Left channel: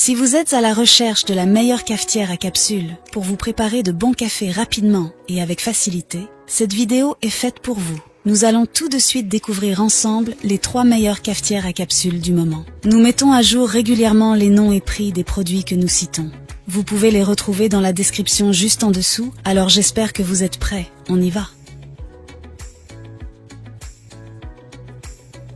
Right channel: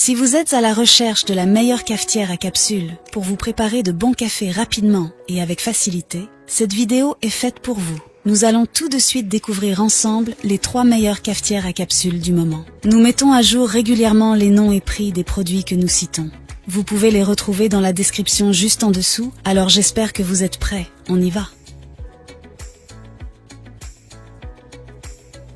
Si vous êtes à la recherche de la meilleure cafetière à capsule pour vous préparer de bons cafés rapidement et avec facilité, cette vidéo est faite pour vous. Nous allons tout de suite découvrir ensemble les 3 meilleures cafetières à capsule du moment. Nous mettons à jour régulièrement les noms et prix des produits que nous citons. Vous pouvez les retrouver dans la description juste en dessous, alors j'espère que vous êtes prêts. On y va.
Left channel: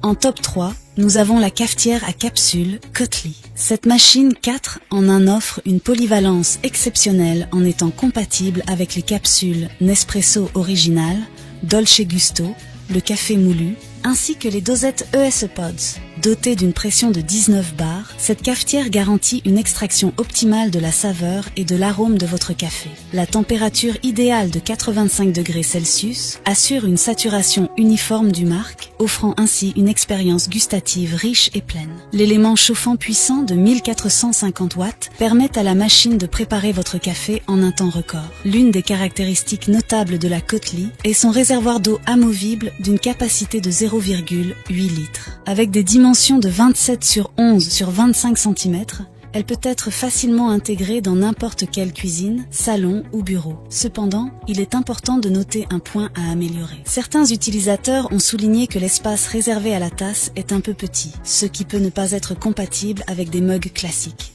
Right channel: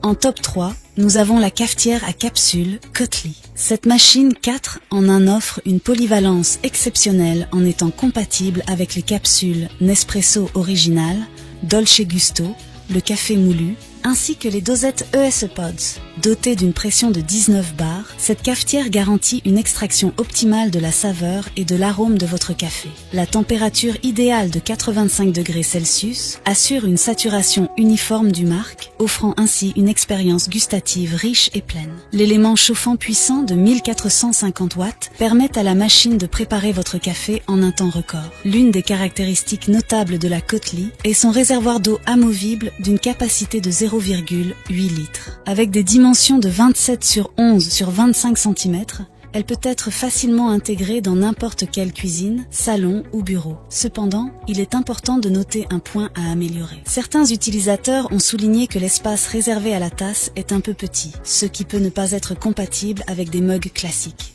En top 3, nous avons la cafetière à capsule Cutly. Cette machine 4 en 1 offre une polyvalence exceptionnelle en étant compatible avec les capsules Nespresso Original, Dolce Gusto, le café moulu, ainsi que les dosettes ES Pods. Dotée d'une pression de 19 bars, cette cafetière garantit une extraction optimale de la saveur et de l'arôme de votre café. La température idéale de 85 degrés Celsius assure une saturation uniforme du marc, offrant ainsi une expérience gustative riche et pleine. L'élément chauffant puissant de 1450 watts permet à la machine de préparer votre café en un temps record. L'une des caractéristiques notables de la Cutly est son réservoir d'eau amovible d'une capacité de 0,8 litres. Avec des dimensions de 27 sur 11 sur 25 cm, elle peut être facilement intégrée dans n'importe quelle cuisine, salon ou bureau. Cependant, il est important de noter un point à améliorer. Certains utilisateurs ont souligné que l'espace réservé à la tasse est un peu petit, ce qui peut ne pas être compatible avec des mugs classiques.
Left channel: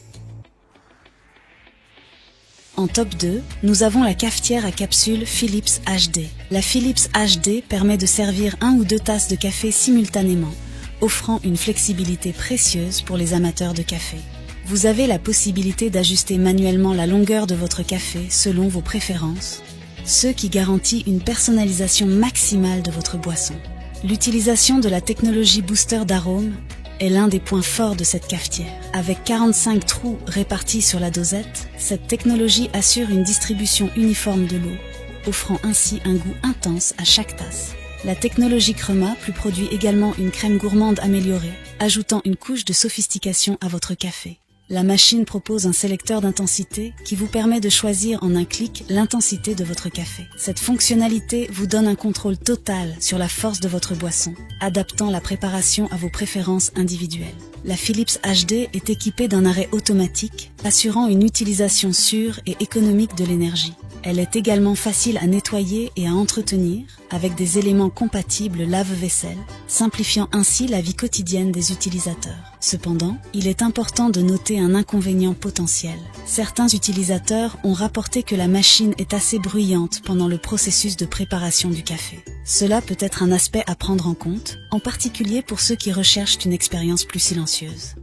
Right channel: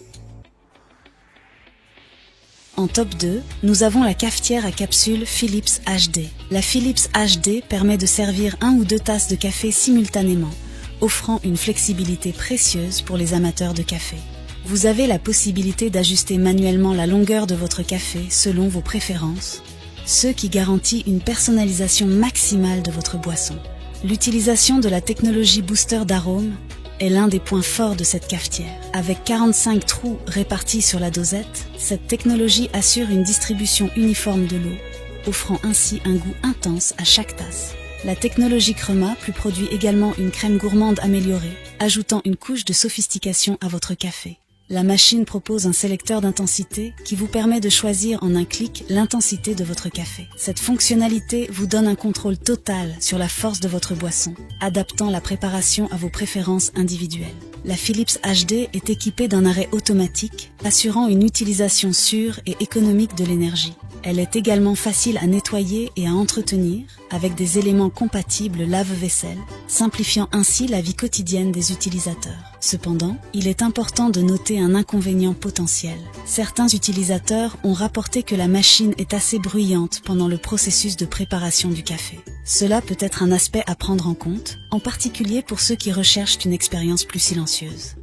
En top 2, nous avons la cafetière à capsule Philips HD. La Philips HD permet de servir 1 ou 2 tasses de café simultanément, offrant une flexibilité précieuse pour les amateurs de café. Vous avez la possibilité d'ajuster manuellement la longueur de votre café selon vos préférences, ce qui garantit une personnalisation maximale de votre boisson. L'utilisation de la technologie booster d'arôme est l'un des points forts de cette cafetière. Avec 45 trous répartis sur la dosette, cette technologie assure une distribution uniforme de l'eau, offrant ainsi un goût intense à chaque tasse. La technologie Crema produit également une crème gourmande améliorée, ajoutant une couche de sophistication à votre café. La machine propose un sélecteur d'intensité qui vous permet de choisir en un clic l'intensité de votre café. Cette fonctionnalité vous donne un contrôle total sur la force de votre boisson, adaptant la préparation à vos préférences individuelles. La Philips HD est équipée d'un arrêt automatique, assurant une utilisation sûre et économique de l'énergie. Elle est également facile à nettoyer et à entretenir, avec des éléments compatibles lave-vaisselle, simplifiant ainsi la vie quotidienne des utilisateurs. Cependant, il est important de noter un inconvénient potentiel. Certains utilisateurs ont rapporté que la machine est assez bruyante pendant le processus de préparation du café. Cela peut être un aspect à prendre en compte, en particulier pour ceux qui recherchent une expérience plus silencieuse.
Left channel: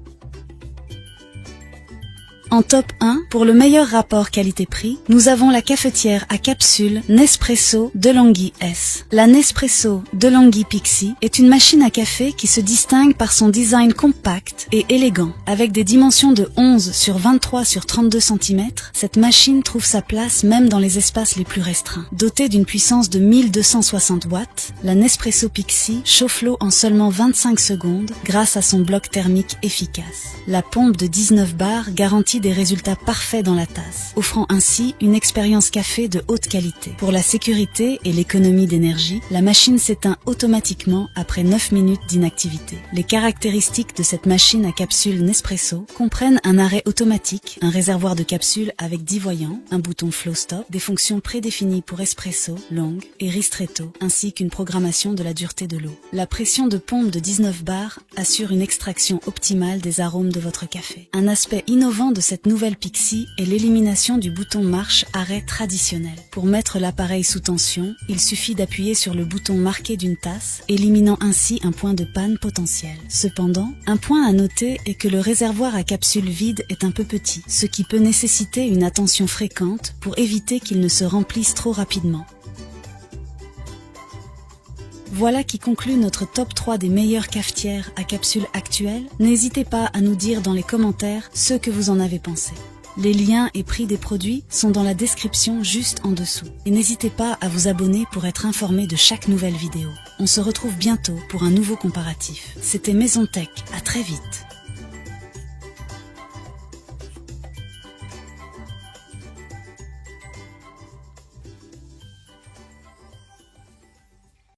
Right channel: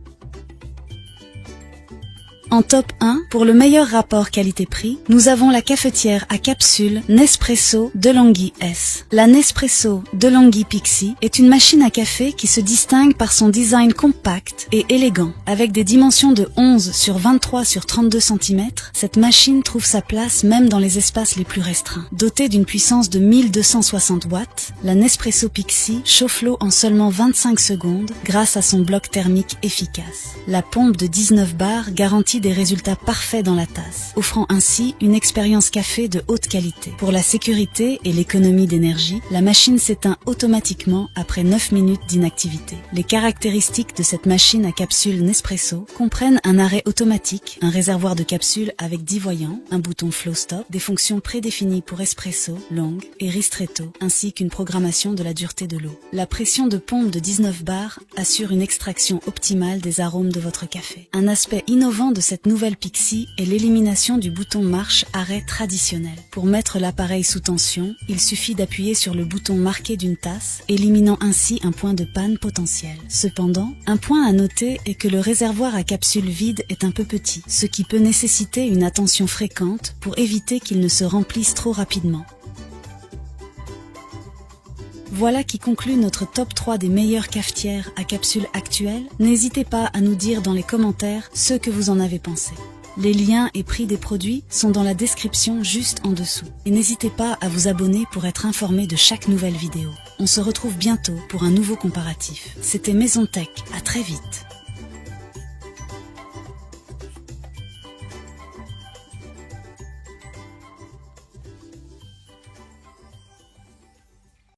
En top 1, pour le meilleur rapport qualité-prix, nous avons la cafetière à capsule Nespresso DeLonghi S. La Nespresso DeLonghi Pixie est une machine à café qui se distingue par son design compact et élégant. Avec des dimensions de 11 sur 23 sur 32 cm, cette machine trouve sa place même dans les espaces les plus restreints. Dotée d'une puissance de 1260 watts, la Nespresso Pixie chauffe l'eau en seulement 25 secondes grâce à son bloc thermique efficace. La pompe de 19 bars garantit des résultats parfaits dans la tasse, offrant ainsi une expérience café de haute qualité. Pour la sécurité et l'économie d'énergie, la machine s'éteint automatiquement après 9 minutes d'inactivité. Les caractéristiques de cette machine à capsule Nespresso comprennent un arrêt automatique, un réservoir de capsules avec 10 voyants, un bouton flow stop, des fonctions prédéfinies pour espresso, long et ristretto, ainsi qu'une programmation de la dureté de l'eau. La pression de pompe de 19 bars assure une extraction optimale des arômes de votre café. Un aspect innovant de cette nouvelle Pixie est l'élimination du bouton marche-arrêt traditionnel. Pour mettre l'appareil sous tension, il suffit d'appuyer sur le bouton marqué d'une tasse, éliminant ainsi un point de panne potentiel. Cependant, un point à noter est que le réservoir à capsule vide est un peu petit, ce qui peut nécessiter une attention fréquente pour éviter qu'il ne se remplisse trop rapidement. Voilà qui conclut notre top 3 des meilleures cafetières à capsule actuelles. N'hésitez pas à nous dire dans les commentaires ce que vous en avez pensé. Les liens et prix des produits sont dans la description juste en dessous. Et n'hésitez pas à vous abonner pour être informé de chaque nouvelle vidéo. On se retrouve bientôt pour un nouveau comparatif. C'était Maison Tech, à très vite.